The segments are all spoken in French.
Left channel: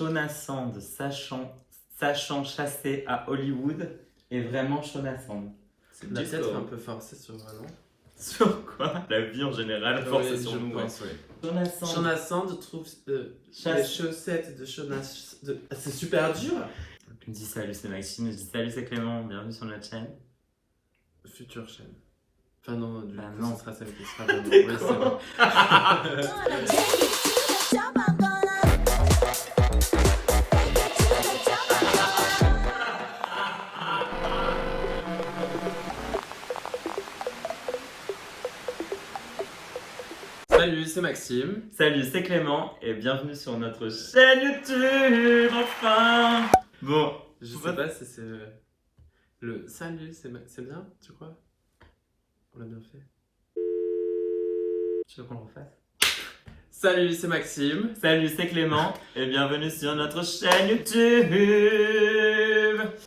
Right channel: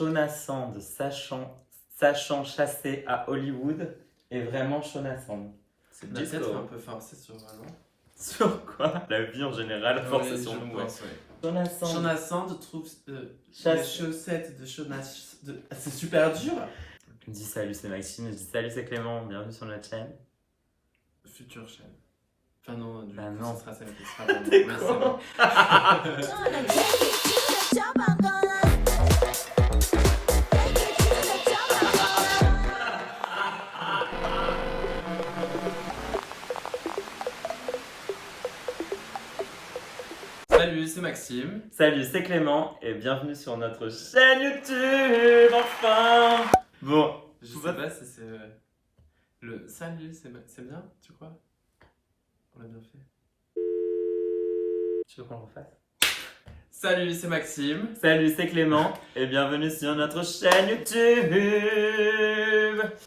Shona Sand, sachant chasser à Hollywood, est vraiment Shona Sand. C'est peut-être un peu forcé sur non. Sur quoi? La vie en général, forcée sur nous. Ouais. Shona Sand trouve les chaussettes de Shona. C'est super dur. Je dis salut, c'est Maxime. Je dis salut, c'est Clément. Bienvenue sur notre chaîne. Future chaîne. Enfin non, du coup, non. ce sera celle qui sera vraiment. Oui, c'est bon. Salut, c'est Maxime. Salut, c'est Clément et bienvenue sur notre chaîne YouTube, enfin. Bon, je sais pas si c'est le salut, c'est bien, tu crois? On l'a bien fait. Tu veux qu'on le refasse? Salut, c'est Maxime. Salut, c'est Clément et bienvenue sur notre chaîne YouTube.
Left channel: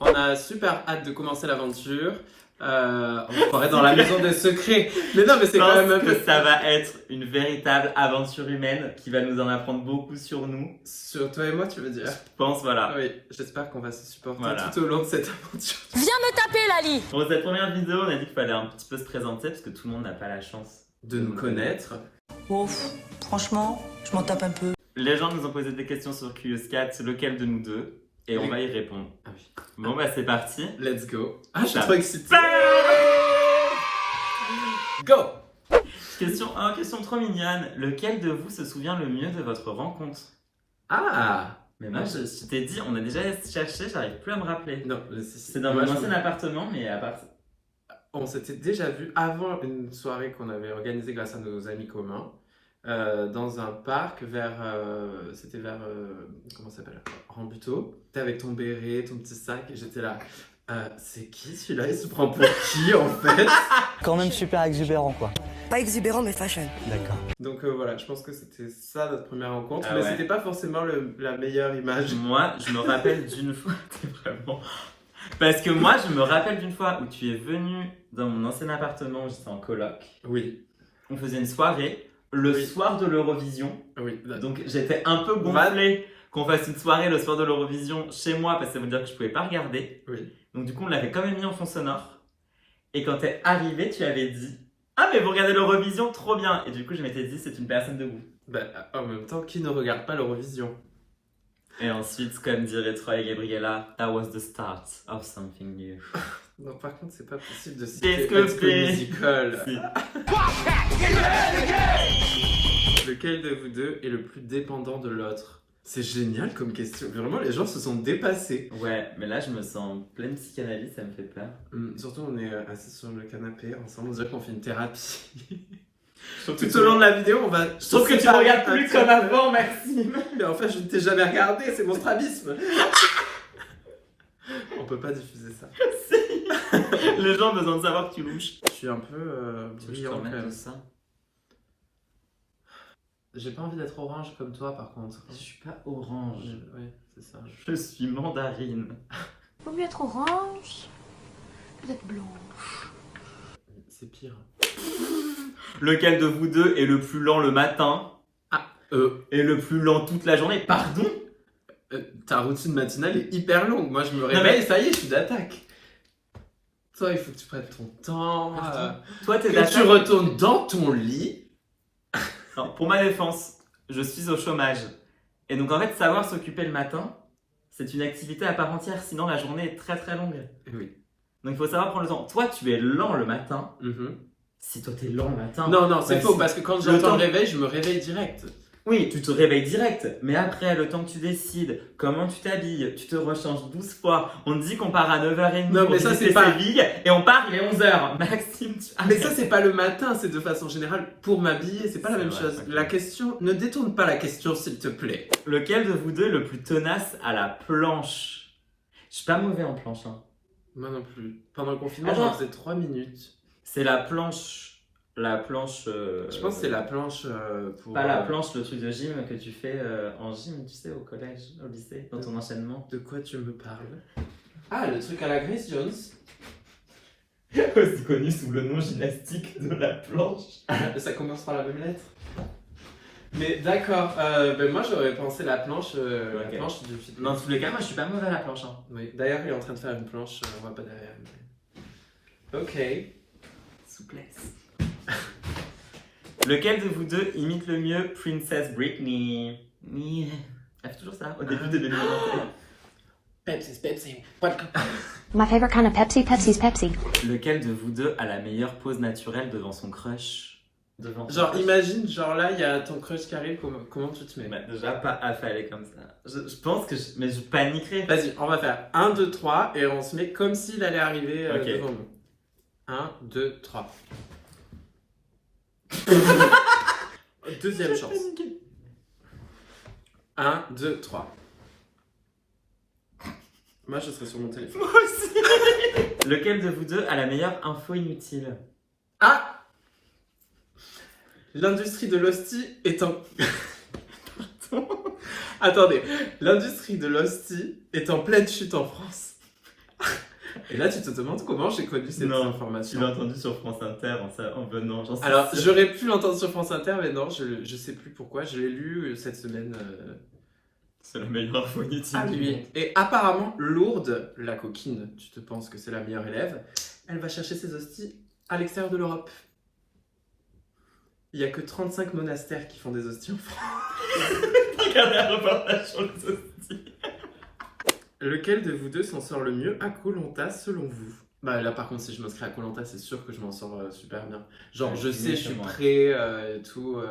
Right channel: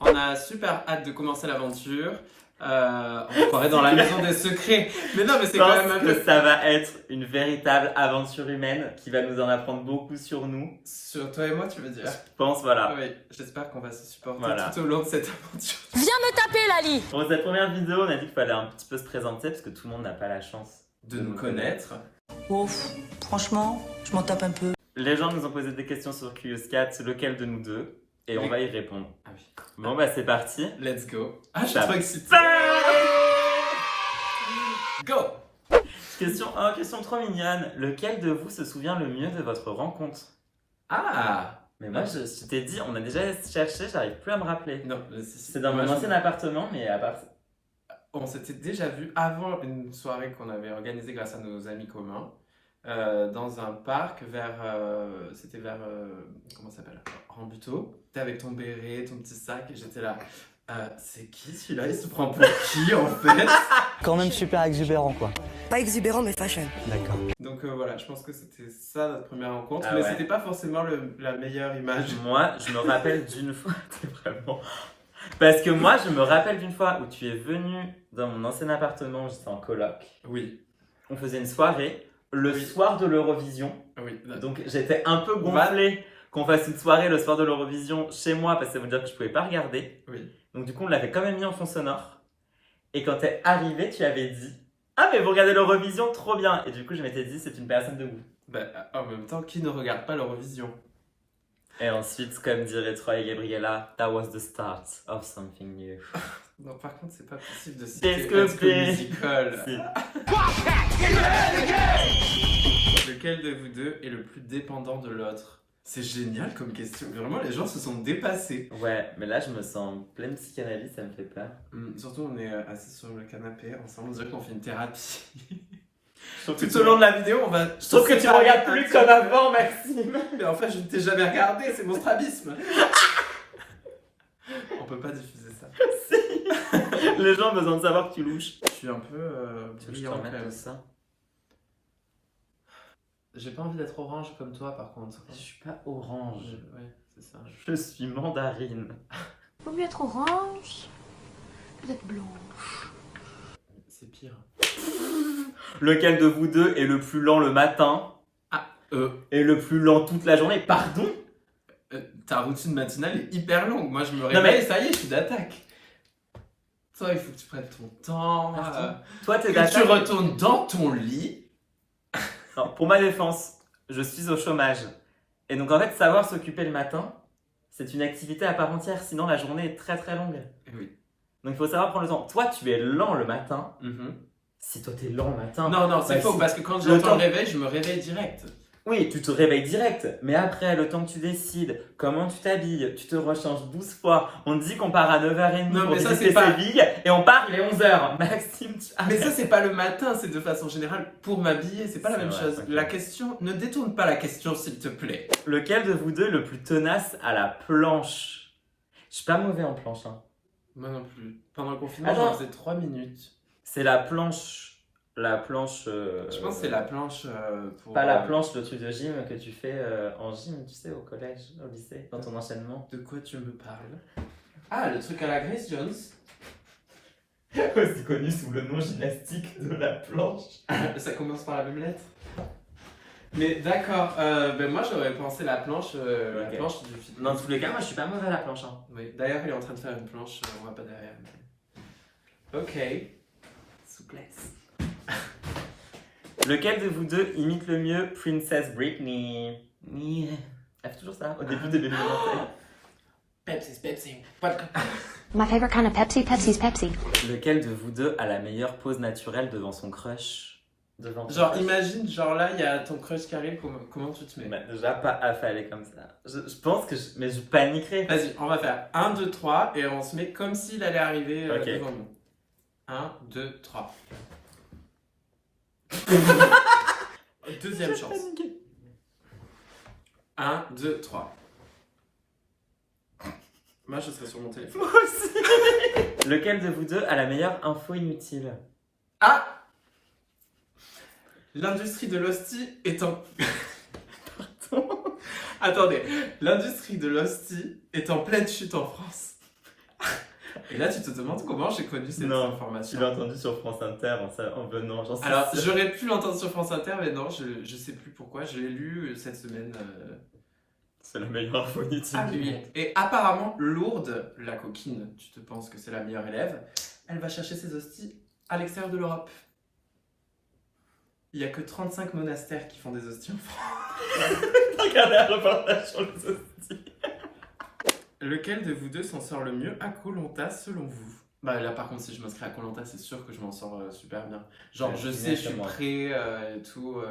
On a super hâte de commencer l'aventure. On pourrait dans la maison des secrets. Mais non, mais c'est quand même un peu. Ça va être une véritable aventure humaine qui va nous en apprendre beaucoup sur nous. Sur toi et moi, tu veux dire? Je pense, voilà. Oui, j'espère qu'on va se supporter voilà. tout au long de cette aventure. Viens me taper, Lali! Pour cette première vidéo, on a dit qu'il fallait un petit peu se présenter parce que tout le monde n'a pas la chance de nous connaître. Ouf, franchement, je m'en tape un peu. Les gens nous ont posé des questions sur Curious4, lequel de nous deux? Et on va y répondre. Ah oui. Bon, bah c'est parti. Let's go. Ah, je suis trop excitée. Go! Question 1, question trop mignonne. Lequel de vous se souvient le mieux de votre rencontre? Ah! Mais moi, je t'ai dit, on a déjà cherché, j'arrive plus à me rappeler. Non, c'est dans mon ancien appartement, mais à part ça. On s'était déjà vu avant une soirée qu'on avait organisée grâce à nos amis communs. Dans un parc c'était vers comment ça s'appelle, Rambuteau. T'es avec ton béret, ton petit sac et j'étais là, c'est qui celui-là, il se prend pour qui en fait? Quand même super exubérant quoi. Pas exubérant mais fashion. D'accord. Donc voilà, je pense que c'était ça notre première rencontre, ah mais ouais. C'était pas forcément la meilleure image. Moi je me rappelle d'une fois, t'es vraiment... Parce que moi je me rappelle d'une fois où tu es venu dans mon ancien appartement, j'étais en coloc. Oui. On faisait une soirée. Le soir de l'Eurovision, donc j'étais un peu gonflé qu'on fasse une soirée le soir de l'Eurovision chez moi parce que ça veut dire que je pouvais pas regarder. Oui. Donc du coup on l'avait quand même mis en fond sonore. Et quand t'es arrivé, tu avais dit « Ah mais vous regardez l'Eurovision, trop bien !» Et du coup je m'étais dit c'est une personne de goût. Bah, en même temps, qui ne regarde pas l'Eurovision? Et ensuite, comme dirait Troy et Gabriella, « That was the start of something new. » Non, par contre, c'est pas possible de citer High School Musical. Si. Lequel de vous deux est le plus dépendant de l'autre? C'est génial comme question. Vraiment, les gens se sont dépassés. Ouais, mais là, je me sens pleine psychanalyse, ça me fait peur. Surtout, on est assis sur le canapé ensemble, on dirait qu'on fait une thérapie. Tout au long de la vidéo, on va... Je trouve que tu ne regardes plus comme avant, Maxime. Mais en fait, je ne t'ai jamais regardé, c'est mon strabisme. On peut pas diffuser ça. Les gens ont besoin de savoir que tu louches. Je suis un peu brillant quand même. Ça. J'ai pas envie d'être orange comme toi par contre. Je suis pas orange. Oui, c'est ça. Je suis mandarine. Vaut mieux être orange que d'être blanche. C'est pire. Lequel de vous deux est le plus lent le matin? Et le plus lent toute la journée? Pardon? Ta routine matinale est hyper longue. Moi, je me réveille, ça y est, je suis d'attaque. Toi, il faut que tu prennes ton temps. Toi, t'es que tu retournes dans ton lit. Non, pour ma défense, je suis au chômage. Et donc, en fait, savoir s'occuper le matin, c'est une activité à part entière. Sinon, la journée est très très longue. Oui. Donc, il faut savoir prendre le temps. Toi, tu es lent le matin. Si toi, t'es lent le matin... Non, c'est faux, parce que quand j'entends le réveil, je me réveille direct. Oui, tu te réveilles direct, mais après, le temps que tu décides, comment tu t'habilles, tu te rechanges 12 fois, on te dit qu'on part à 9h30 non, pour mais ça, visiter Séville, et on part les 11h. Maxime, mais ça, c'est pas le matin, c'est de façon générale pour m'habiller, c'est pas la même chose. La question, ne détourne pas la question, s'il te plaît. Lequel de vous deux est le plus tenace à la planche? Je suis pas mauvais en planche, hein. Moi non plus. Pendant le confinement, j'en faisais 3 minutes. C'est la planche... je pense que c'est la planche pour... Pas la planche, le truc de gym que tu fais en gym, tu sais, au collège, au lycée, dans ton enchaînement. De quoi tu me parles? Ah, le truc à la Grace Jones. Aussi connu sous le nom gymnastique de la planche. Ça commence par la même lettre. Mais d'accord, ben moi j'aurais pensé la planche du fitness. Dans tous les cas, moi je suis pas mauvais à la planche. Hein. Oui, d'ailleurs il est en train de faire une planche, on voit pas derrière. Mais... Ok. Souplesse. Lequel de vous deux imite le mieux Princess Britney? Elle fait toujours ça au début de l'émission. Pepsi. My favorite kind of Pepsi, Pepsi's Pepsi. Lequel de vous deux a la meilleure pose naturelle devant son crush? Genre imagine, genre là il y a ton crush qui arrive, comment tu te mets? Bah, déjà pas affalé comme ça. Je pense que mais je paniquerais. Vas-y, on va faire 1, 2, 3 et on se met comme s'il allait arriver devant nous. 1, 2, 3. Deuxième chance. 1, 2, 3. Moi je serai sur mon téléphone. Moi aussi. Lequel de vous deux a la meilleure info inutile? Ah! L'industrie de l'hostie est en... Attendez. L'industrie de l'hostie est en pleine chute en France. Et là, tu te demandes comment j'ai connu cette information. Tu l'as entendu sur France Inter en venant. Alors, j'aurais pu l'entendre sur France Inter, mais non, je sais plus pourquoi. Je l'ai lu cette semaine. C'est la meilleure info inutile. Ah oui. Et apparemment, Lourdes, la coquine, tu te penses que c'est la meilleure élève, elle va chercher ses hosties à l'extérieur de l'Europe. Il n'y a que 35 monastères qui font des hosties en France. Regardez un reportage sur les hosties. Lequel de vous deux s'en sort le mieux à Koh-Lanta selon vous? Bah là par contre si je m'inscris à Koh-Lanta c'est sûr que je m'en sors super bien. Genre ouais, je sais, je suis prêt et tout.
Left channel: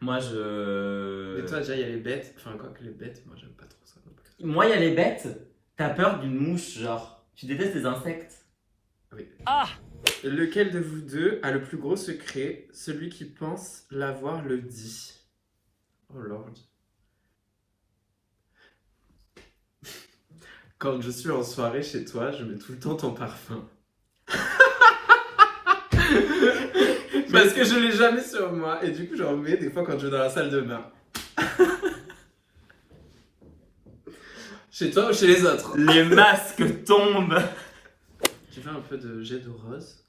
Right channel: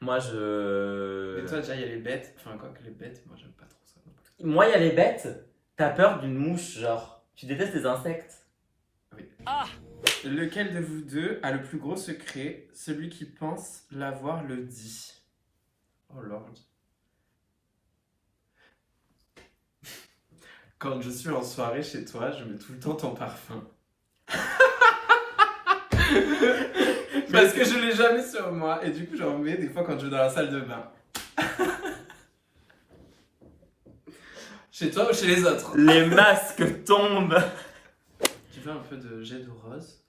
Moi je... Et toi déjà il y a les bêtes, enfin quoi que les bêtes, moi j'aime pas trop ça non plus. Moi il y a les bêtes, t'as peur d'une mouche genre. Tu détestes les insectes. Oui. Ah! Lequel de vous deux a le plus gros secret? Celui qui pense l'avoir le dit. Oh lord. Quand je suis en soirée chez toi, je mets tout le temps ton parfum. Parce que je l'ai jamais sur moi et du coup j'en mets des fois quand je vais dans la salle de bain. Chez toi ou chez les autres? Les masques tombent. Tu fais un peu de jet de rose?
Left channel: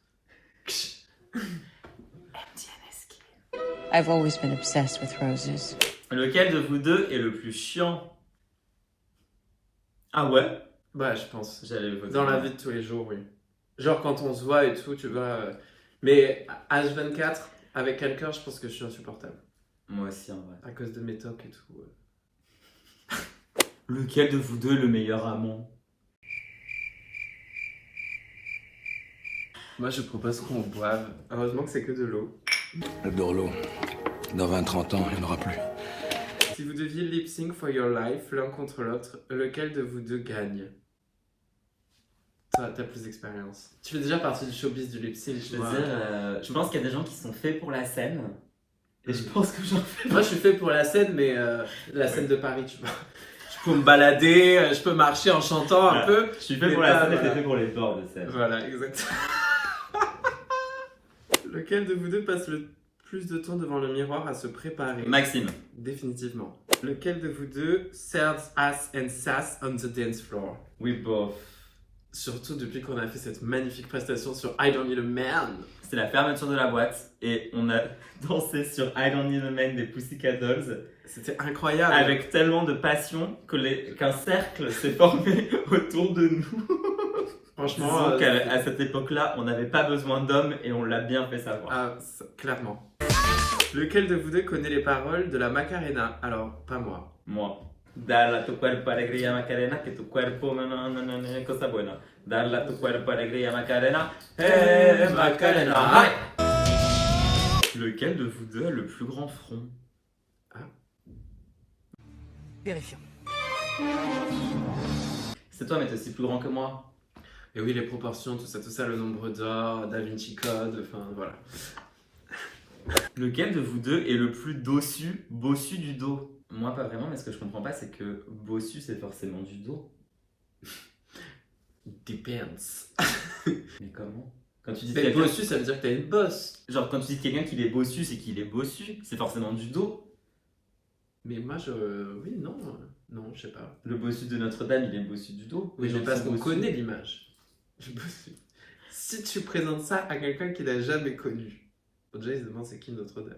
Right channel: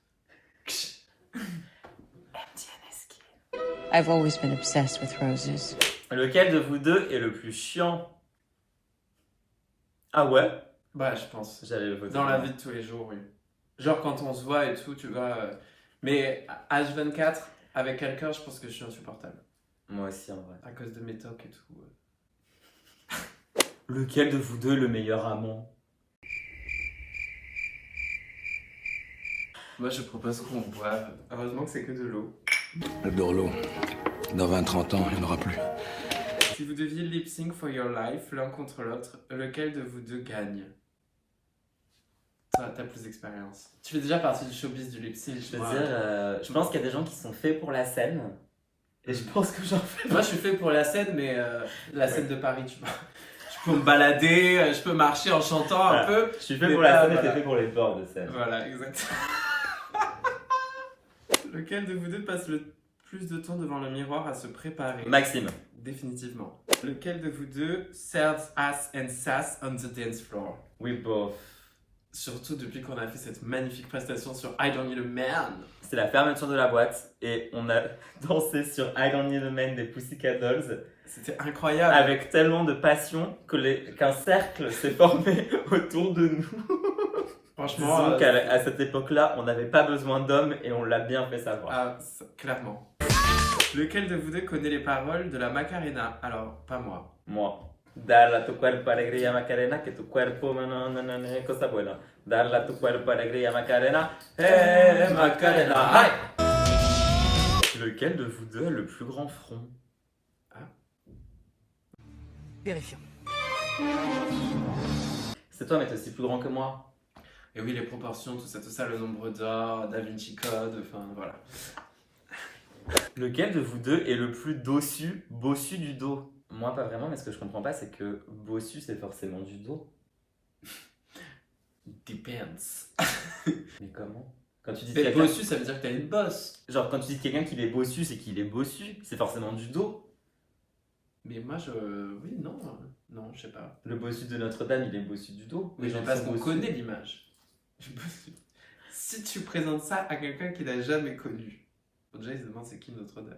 I've always been obsessed with roses. Lequel de vous deux est le plus chiant? Ah ouais? Bah je pense. J'allais le voter. Dans la vie de tous les jours, oui. Genre quand on se voit et tout, tu vois. Mais H24, avec quelqu'un, je pense que je suis insupportable. Moi aussi en vrai. À cause de mes tocs et tout. Lequel de vous deux est le meilleur amant? Moi je propose qu'on boive. Heureusement que c'est que de l'eau. J'adore l'eau. Dans 20-30 ans, il n'y en aura plus. Si vous deviez lip sync for your life, l'un contre l'autre, lequel de vous deux gagne? Toi, t'as plus d'expérience. Tu fais déjà partie du showbiz du lip sync. Je pense qu'il y a des gens qui sont faits pour la scène. Et je pense que j'en fais. Moi, je suis fait pour la scène, mais la scène de Paris, tu vois. Je peux me balader, je peux marcher en chantant un peu. Je suis fait pour la scène et t'es fait pour les bords de scène. Voilà, exactement. Lequel de vous deux passe le plus de temps devant le miroir à se préparer? Maxime. Définitivement. Lequel de vous deux serves ass and sass on the dance floor? We both. Surtout depuis qu'on a fait cette magnifique prestation sur I Don't Need a Man. C'était la fermeture de la boîte et on a dansé sur I Don't Need a Man des Pussycat Dolls. C'était incroyable. Avec tellement de passion qu'un cercle s'est formé autour de nous. Franchement, disons qu'à cette époque-là, on n'avait pas besoin d'hommes et on l'a bien fait savoir. Ah, clairement. Lequel de vous deux connaît les paroles de la Macarena? Alors, pas moi. Moi. Dale a tu cuerpo alegría Macarena, que tu cuerpo cosa buena. Dale a tu cuerpo alegría Macarena, Macarena. Lequel de vous deux a le plus grand front? Vérifions. C'est toi, mais t'es aussi plus grand que moi. Et oui, les proportions, tout ça, le nombre d'or, Da Vinci Code, enfin voilà. Lequel de vous deux est le plus bossu du dos? Moi, pas vraiment, mais ce que je comprends pas, c'est que bossu, c'est forcément du dos. Depends. Mais comment? Quand tu dis mais bossu, ça veut dire que t'as une bosse. Genre, quand tu dis quelqu'un qu'il est bossu, c'est qu'il est bossu. C'est forcément du dos. Mais moi, oui, non, je sais pas. Le bossu de Notre-Dame, il est bossu du dos. Oui, mais parce qu'on connaît l'image. Si tu présentes ça à quelqu'un qui n'a jamais connu, déjà il se demande c'est qui Notre-Dame.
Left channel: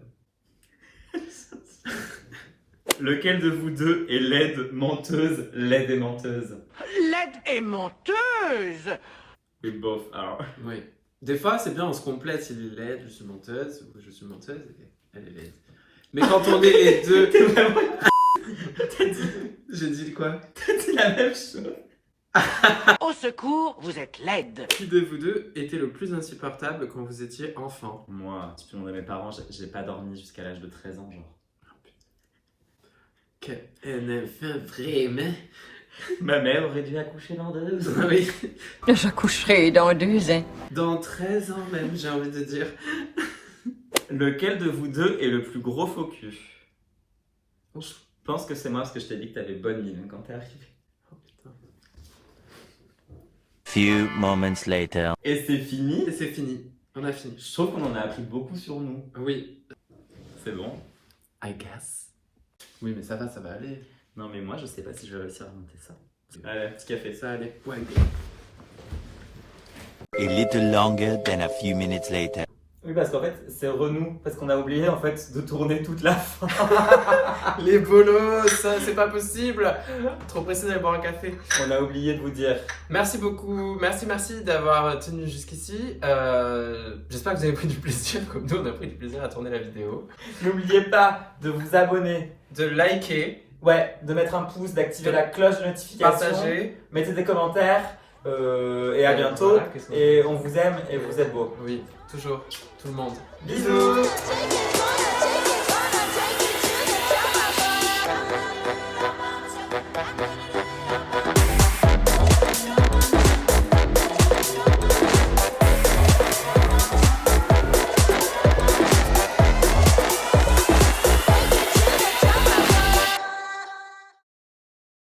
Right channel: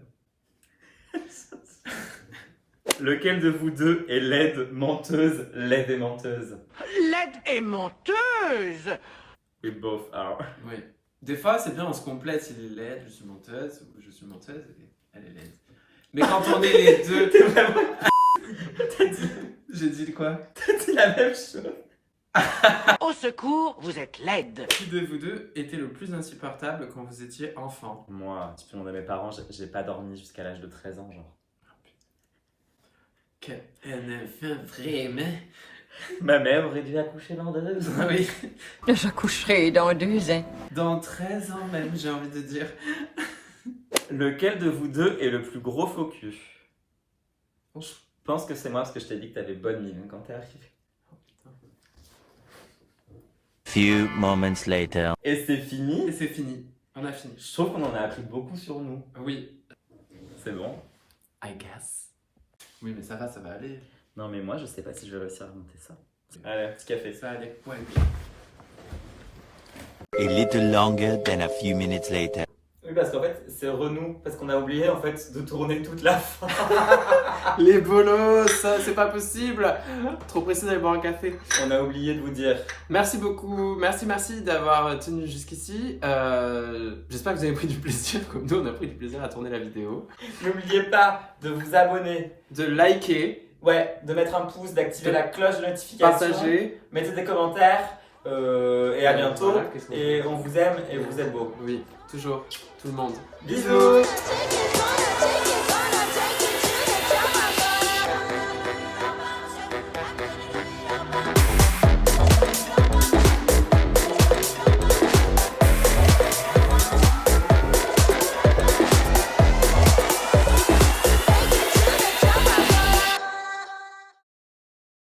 Lequel de vous deux est laide, menteuse, laide et menteuse? Laide et menteuse. We both are. Oui. Des fois, c'est bien, on se complète. Il est laide, je suis menteuse, ou je suis menteuse, et elle est laide. Mais quand on est les deux... T'es vraiment... J'ai dit quoi? T'as dit la même chose. Au secours, vous êtes laide. Qui de vous deux était le plus insupportable quand vous étiez enfant? Moi, petit peu de mes parents, j'ai pas dormi jusqu'à l'âge de 13 ans, genre. Quel enfant, vraiment? Ma mère aurait dû accoucher dans 2 ans. Oui. J'accoucherai dans 2 ans. Dans 13 ans même, j'ai envie de dire. Lequel de vous deux est le plus gros faux cul? Oh, Je pense que c'est moi parce que je t'ai dit que t'avais bonne mine quand t'es arrivé. putain. Few moments later. Et c'est fini. Et c'est fini. On a fini. Je trouve qu'on en a appris beaucoup sur nous. Oui. C'est bon. I guess. Oui, mais ça va aller. Non mais moi je sais pas si je vais réussir à monter ça. Allez, un petit café. Ça allait. Ouais. A little longer than a few minutes later. Oui parce qu'en fait c'est Renou, parce qu'on a oublié en fait de tourner toute la fin. Les bolos, ça c'est pas possible. Trop pressé d'aller boire un café. On a oublié de vous dire. Merci beaucoup, merci d'avoir tenu jusqu'ici. J'espère que vous avez pris du plaisir, comme nous on a pris du plaisir à tourner la vidéo. N'oubliez pas de vous abonner, De liker, ouais, de mettre un pouce, d'activer la cloche de notification, partager. mettez des commentaires et à bientôt. Voilà, qu'est-ce qu'on Et on vous aime et vous êtes beaux. Oui, toujours, tout le monde. Bisous. Take it,